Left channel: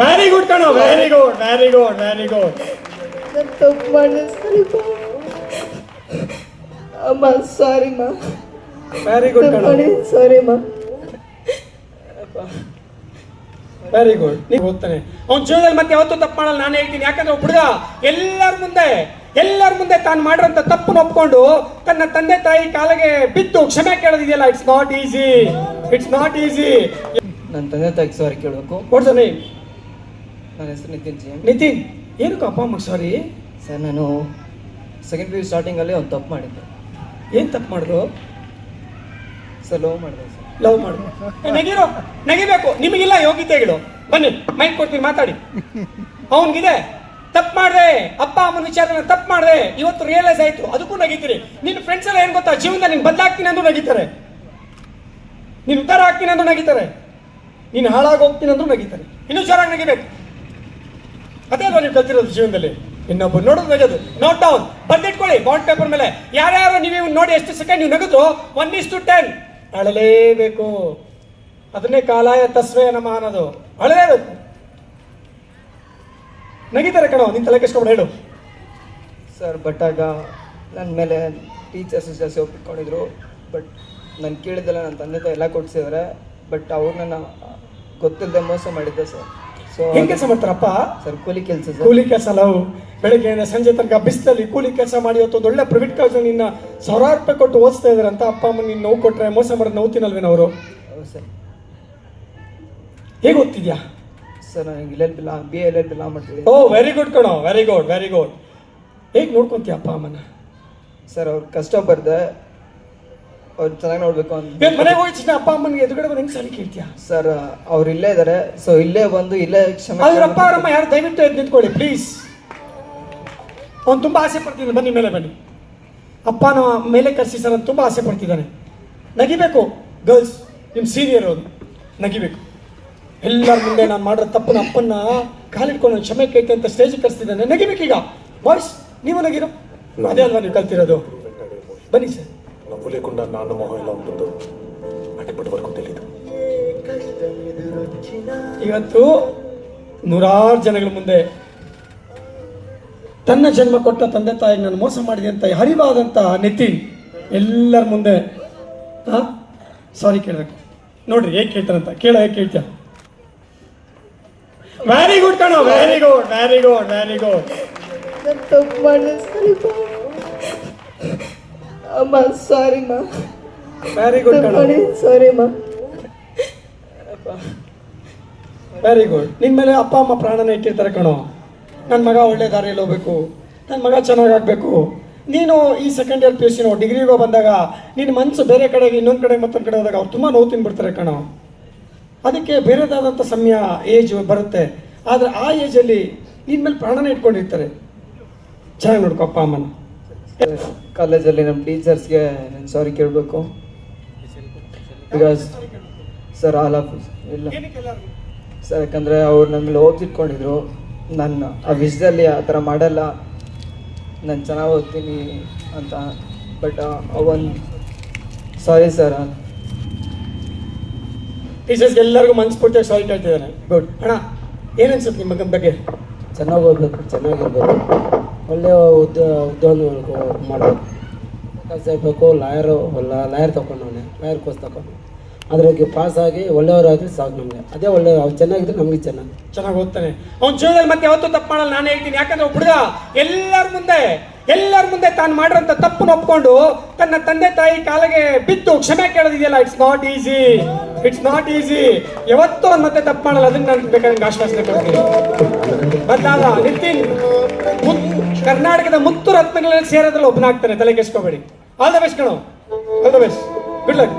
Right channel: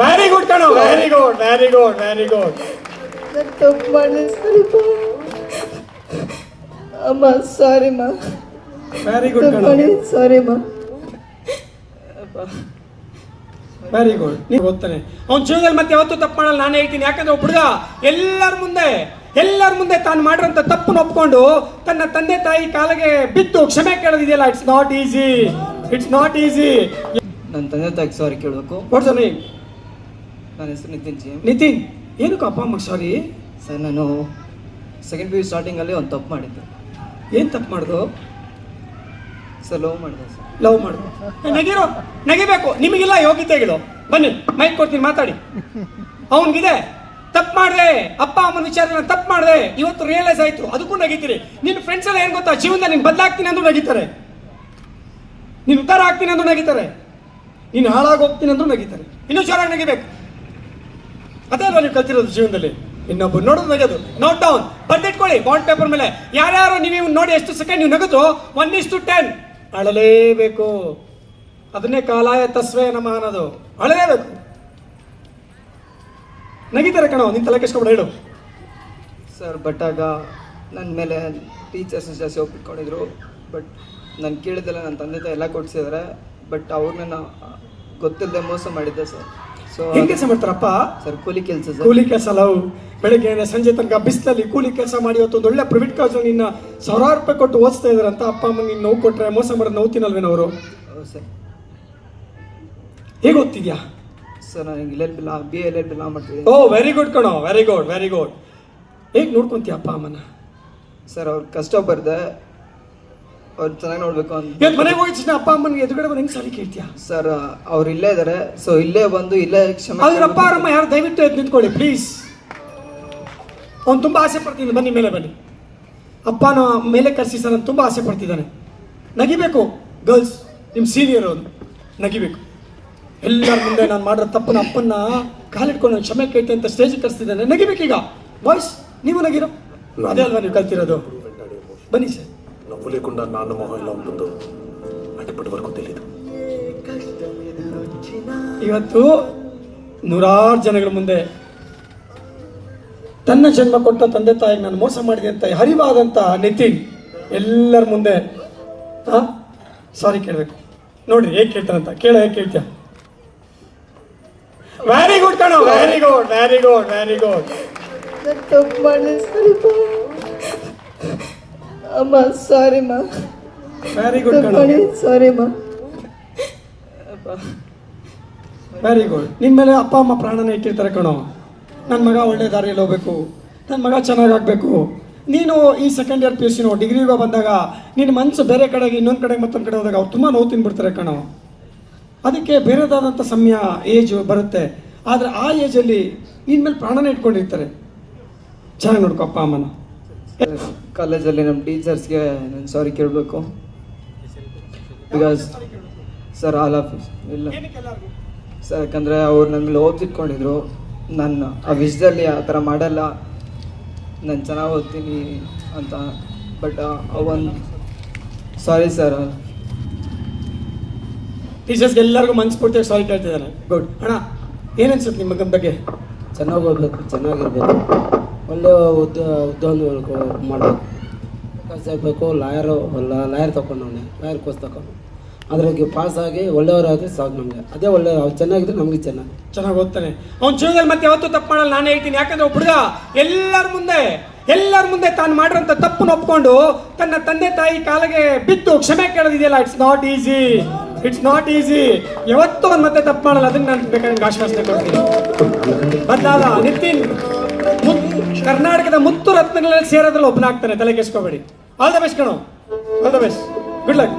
Very good ಕಣೋ, very good, very good, very good. ತಪ್ಪು ಮಾಡಿಸ್ತಾರಿಪ್ಪ ಅಮ್ಮ. ಸಾರಿ ಮಾ. ವೆರಿ ಗುಡ್ ಕಣೋ, ಸಾರಿ ಮಾ. Very good. ನೀವು ಗೊತ್ತಾನೆ ಅವ್ನ ಜೀವನದಲ್ಲಿ ಮತ್ತೆ ಯಾವತ್ತೂ ತಪ್ಪು ಮಾಡಲ್ಲ, ನಾನು ಹೇಳ್ತೀನಿ. ಯಾಕಂದ್ರೆ ಒಬ್ಬ ಹುಡುಗ ಎಲ್ಲರ ಮುಂದೆ ತಾನು ಮಾಡಿರೋಂಥ ತಪ್ಪನ್ನು ಒಪ್ಕೊಂಡು ತನ್ನ ತಂದೆ ತಾಯಿ ಕಾಲಿಗೆ ಬಿದ್ದು ಕ್ಷಮೆ ಕೇಳೋದಿದೆಯಲ್ಲ, it's not easy, it's not easy. ನನ್ನ ತಂದೆ ತಾಯಿಗೆ ಸಾರಿ ಕೇಳಬೇಕು. What's your name? ನನ್ನ ಹೆಸರು ನಿತಿನ್ ಜಿ. ನಿತಿನ್, ಏನಕ್ಕೂ ಅಪ್ಪ ಅಮ್ಮ ಸಾರಿ? ಸರ್, ನಾನು ಸೆಕೆಂಡ್ ಪಿ ಯು ಸ್ಟಾರ್ಟಿಂಗಲ್ಲಿ ಒಂದು ತಪ್ಪು ಮಾಡಿದ್ದೆ. ಏನು ತಪ್ಪು ಮಾಡಿದ್ರು ಸರ್? ಲವ್ ಮಾಡಿದೆ ಸರ್. ಲವ್ ಮಾಡಿದ್ರು. ನಗಿಬೇಕು, ನಿಮಗಿಲ್ಲ ಯೋಗ್ಯತೆಗಳು. ಬನ್ನಿ, ಮೈಕ್ ಕೊಡ್ತೀನಿ, ಮಾತಾಡಿ. ಅವನಿಗಿದೆ ತಪ್ಪು ಮಾಡಿದೆ, ಅಪ್ಪ ಅಮ್ಮನ ವಿಚಾರದಲ್ಲಿ ತಪ್ಪು ಮಾಡಿದೆ, ಇವತ್ತು ರಿಯಲೈಸ್ ಆಯ್ತು, ಅದಕ್ಕೂ ನಗಿತೀರಿ. ನಿನ್ನ ಫ್ರೆಂಡ್ಸ್ ಎಲ್ಲ ಏನ್ ಗೊತ್ತಾ, ಜೀವನದಲ್ಲಿ ನೀನು ಬದಲಾಗ್ತೀನಿ ಅಂದ್ರೂ ನಗಿತಾರೆ, ನೀನು ಉದ್ಧಾರ ಆಗ್ತೀನಿ ಅಂದ್ರೂ ನಗಿತಾರೆ, ನೀನು ಹಾಳಾಗಿ ಹೋಗ್ತೀನಿ ಅಂದ್ರೂ ನಗಿತಾರೆ. ಇನ್ನೂ ಜೋರಾಗಿ ನಗಿಬೇಕು. ಅದೇ ಅಲ್ವಾ ನೀವು ಕಲ್ತಿರೋದು ಜೀವನದಲ್ಲಿ. ಇನ್ನೊಬ್ಬರು ನೋಡೋದು ನಗೋದು. ನೋಟ್ ಡೌನ್, ಬರ್ದಿಟ್ಕೊಳ್ಳಿ ಬಾಂಡ್ ಪೇಪರ್ ಮೇಲೆ. ಯಾರ್ಯಾರು ನೀವು ನೋಡಿ ಎಷ್ಟು ಸೆಕೆಂಡ್ ನೀವು ನಗುದು 1:10 ಅಳಲೇಬೇಕು. ಅದನ್ನೇ ಕಾಲಾಯ ತಸ್ವಯ ನಮ ಅನ್ನೋದು. ಅಳಲೇಬೇಕು. ನಗಿತಾರೆ ಕಣೋ, ನಿನ್ ತಲೆ ಕೆಸ್ಕೊಂಡು ಹೇಳು. ಸರ್, ಬಟ್ ಆಗ ನನ್ನ ಮೇಲೆ ಟೀಚರ್ಸ್ ಜಾಸ್ತಿ ಒಪ್ಪಿಕೊಂಡಿದ್ರು. ಬಟ್ ನಾನು ಕೇಳಿದ್ದೆಲ್ಲ ನನ್ನ ತಂದೆ ತಾಯಿ ಎಲ್ಲ ಕೊಡ್ಸಿದ್ರೆ. ಬಟ್ ಅವ್ರನ್ನ ಗೊತ್ತಿಲ್ಲದೆ ಮೋಸ ಮಾಡಿದ್ದೆ ಸರ್. ಸೊ ಏನ್ ಕೆಲಸ ಮಾಡ್ತಾರಪ್ಪ? ಸರ್, ಕೂಲಿ ಕೆಲಸ ಸರ್. ಕೂಲಿ ಕೆಲಸ ಲವ್. ಬೆಳಗ್ಗೆ ಸಂಜೆ ತನಕ ಬಿಸಿಲಲ್ಲಿ ಕೂಲಿ ಕೆಲಸ ಮಾಡಿ ಇವತ್ತು ಒಂದು ಒಳ್ಳೆ ಪ್ರೈವೇಟ್ ಕಾಲೇಜ್ ನಿನ್ನ 1000 ರೂಪಾಯಿ ಕೊಟ್ಟು ಓದಿಸ್ತಾ ಇದಾರೆ ಅಂತ ಅಪ್ಪ ಅಮ್ಮ ನೀನು ನೋವು ಕೊಟ್ರೆ ಮೋಸ ಮಾಡೋದು ನೋವು ತಿನ್ನಲ್ವೇನೋ ಅವರು? ಹೌದು ಸರ್. ಹೇಗೆ ಓದ್ತಿದ್ಯಾ? ಸರ್, ನನಗೆ LLB ಮಾಡ್ತಿದ್ದೆ. ಓ, ವೆರಿ ಗುಡ್ ಕಣೋ, ವೆರಿ ಗುಡ್, ವೆರಿ ಗುಡ್. ಹೇಗೆ ನೋಡ್ಕೊಂತೀಯ ಅಪ್ಪ ಅಮ್ಮನ? ಸರ್, ಅವ್ರು ಕಷ್ಟ ಬರ್ದೆ, ಅವ್ರು ಚೆನ್ನಾಗಿ ನೋಡ್ಬೇಕು ಅಂತ. ಇವತ್ತು ಮನೆಗೆ ಹೋಗಿದ ಅಪ್ಪ ಅಮ್ಮನಿಗೆ ಎದುರುಗಡೆ ಬಂದು ಹೆಂಗ್ ಸಾರಿ ಕೇಳ್ತೀಯ? ಸರ್, ಅವ್ರು ಇಲ್ಲೇ ಇದಾರೆ. ಸೊ ಇಲ್ಲೇ ಬಂದು ಇಲ್ಲೇ ಕ್ಷಮೆ. ಅವ್ರಪ್ಪ ಅವರಮ್ಮ ಯಾರು ದಯವಿಟ್ಟು ಎದ್ದು ನಿಂತ್ಕೊಳ್ಳಿ ಪ್ಲೀಸ್. ಅವ್ನು ತುಂಬಾ ಆಸೆ ಪಡ್ತೀನಿ, ಬನ್ನಿ ಮೇಲೆ ಬನ್ನಿ. ಅಪ್ಪನ ಮೇಲೆ ಕರ್ಸಿ ಸರ್ ಅಂತ ತುಂಬಾ ಆಸೆ ಪಡ್ತಿದ್ದಾನೆ. ನಗಿಬೇಕು ಗರ್ಲ್ಸ್, ನಿಮ್ ಸೀನಿಯರ್ ಅವ್ರು ನಗಿಬೇಕು. ಎಲ್ಲರ ಮುಂದೆ ನಾನು ಮಾಡಿರೋ ತಪ್ಪನ ಅಪ್ಪನ್ನ ಕಾಲಿಟ್ಕೊಂಡು ಕ್ಷಮೆ ಕೇಳ್ತೆ ಅಂತ ಸ್ಟೇಜ್ ಕರ್ಸ್ತಿದ್ದಾನೆ. ನಗಿಬೇಕೀಗ ಬಾಯ್ಸ್, ನೀವು ನಗಿರೋ. ಅದೇ ಅಲ್ವಾ ನೀವು ಕಲ್ತಿರೋದು. ಬನ್ನಿ ಸರ್. నవ్వు లేకుండా నాన్న మొహం ఎలా ఉంటుందో అటుపటి వరకు తెలియదు. ಇವತ್ತು 100 ಜನಗಳ ಮುಂದೆ ತನ್ನ ಜನ್ಮ ಕೊಟ್ಟ ತಂದೆ ತಾಯಿಗೆ ನಾನು ಮೋಸ ಮಾಡಿದೆ ಅಂತ ಹರಿವಾದಂತ ನಿತಿನ್ ಎಲ್ಲರ ಮುಂದೆ ಸಾರಿ ಕೇಳಬೇಕು. ನೋಡ್ರಿ ಹೇಗೆ ಕೇಳ್ತಾರಂತ. ಕೇಳೋ, ಹೇಗೆ ಕೇಳ್ತೀಯ? ವೆರಿ ಗುಡ್ ಕಣೋ, very good, very good, very good. ತಪ್ಪು ಮಾಡಿಸ್ತಾರಿಪ್ಪ ಅಮ್ಮ. ಸಾರಿ ಮಾ. ವೆರಿ ಗುಡ್ ಕಣೋ, ಸಾರಿ ಮಾ. Very good. ನಿನ್ ಮೇಲೆ ಅಪ್ಪ ಅಮ್ಮ ಪ್ರಾಣನ ಇಟ್ಟಿರ್ತಾರೆ ಕಣೋ. ನನ್ನ ಮಗ ಒಳ್ಳೆ ದಾರಿಯಲ್ಲಿ ಹೋಗ್ಬೇಕು, ನನ್ನ ಮಗ ಚೆನ್ನಾಗಾಗಬೇಕು. ನೀನು ಈ ಸೆಕೆಂಡ್ ಇಯರ್ PUC ಡಿಗ್ರಿಗೆ ಬಂದಾಗ ನಿನ್ನ ಮನಸ್ಸು ಬೇರೆ ಕಡೆಗೆ ಇನ್ನೊಂದು ಕಡೆ ಮತ್ತೊಂದು ಕಡೆ ಹೋದಾಗ ಅವ್ರು ತುಂಬ ನೋವು ತಿನ್ಬಿಡ್ತಾರೆ ಕಣೋ. ಅದಕ್ಕೆ ಬೇರೆದಾದಂಥ ಸಮಯ ಏಜ್ ಬರುತ್ತೆ. ಆದರೆ ಆ ಏಜಲ್ಲಿ ನಿನ್ನ ಮೇಲೆ ಪ್ರಾಣನ ಇಟ್ಕೊಂಡಿರ್ತಾರೆ. ಚೆನ್ನಾಗಿ ನೋಡ್ಕೊ ಅಪ್ಪ ಅಮ್ಮನ. ಕಾಲೇಜಲ್ಲಿ ನಮ್ಮ ಟೀಚರ್ಸ್ಗೆ ನಾನು ಸಾರಿ ಕೇಳಬೇಕು. ಬಿಕಾಸ್ ಸರ್, ಆಲ್ ಆಫ್ ಇಲ್ಲ ಸರ್, ಯಾಕಂದರೆ ಅವ್ರು ನಮ್ಮಲ್ಲಿ ಓದಿಟ್ಕೊಂಡಿದ್ರು. ನನ್ನ ಆ ವಿಷಯದಲ್ಲಿ ಆ ಥರ ಮಾಡಲ್ಲ, ನಾನು ಚೆನ್ನಾಗಿ ಓದ್ತೀನಿ ಅಂತ. ಬಟ್ ಅವನ್ ಸಾರಿ ಸರ್. ಟೀಚರ್ಸ್ಗೆ ಎಲ್ಲರಿಗೂ ಮನಸ್ಫೂರ್ತಿಯಾಗಿ ಸಾರಿ ಕೇಳ್ತಿದ್ದಾನೆ. ಗುಡ್ ಅಣ್ಣ, ಏನು ಅನ್ಸುತ್ತೆ ನಿಮ್ಮ ಮಗನ ಬಗ್ಗೆ? ಚೆನ್ನಾಗಿ ಓದಬೇಕು, ಚೆನ್ನಾಗಿರ್ಬೇಕು, ಒಳ್ಳೆಯ ಉದ್ಯೋಗ ಮಾಡಬೇಕು, ಕೆಲಸ ಇರಬೇಕು. ಲಾಯರ್ ತಗೊಂಡವನೆ, ಲಾಯರ್ ಕೋರ್ಸ್ ತಗೊಂಡು ಅದ್ರಾಗೆ ಪಾಸ್ ಆಗಿ ಒಳ್ಳೆಯವರಾದ್ರೆ ಸಾಕು ನಮಗೆ. ಅದೇ ಒಳ್ಳೆ ಅವ್ರು ಚೆನ್ನಾಗಿದ್ರೆ ನಮಗೆ ಚೆನ್ನಾಗಿ ಓದ್ತಾನೆ. ಅವ್ನ ಜೀವನದಲ್ಲಿ ಮತ್ತೆ ಯಾವತ್ತೂ ತಪ್ಪು ಮಾಡಲ್ಲ, ನಾನು ಹೇಳ್ತೀನಿ. ಯಾಕಂದ್ರೆ ಹುಡುಗ ಎಲ್ಲರ ಮುಂದೆ ತಾನು ಮಾಡಿರೋಂಥ ತಪ್ಪನ್ನು ಒಪ್ಕೊಂಡು ತನ್ನ ತಂದೆ ತಾಯಿ ಕಾಲಿಗೆ ಬಿದ್ದು ಕ್ಷಮೆ ಕೇಳೋದಿದೆಯಲ್ಲ, it's not easy, it's not easy. ಯಾವತ್ತೂ ಅವ್ನು ಮತ್ತೆ ತಪ್ಪು ಮಾಡಲ್ಲ. ಅದನ್ನ ನಾನು ಬೇಕಾದ್ರೆ ಆಶ್ವಾಸನೆ ಕೊಡ್ತೀನಿ. ಬದಲಾದ ನಿತಿನ್ ಕರ್ನಾಟಕದ ಮುತ್ತು ರತ್ನಗಳಲ್ಲಿ ಸೇರೋದ್ರಲ್ಲಿ ಒಬ್ಬನಾಗ್ತಾನೆ, ತಲೆ ಕೆಸ್ಕೋಬೇಡಿ. ಆಲ್ ದ ಬೆಸ್ಟ್ ಕಣೋ, all the best, good luck.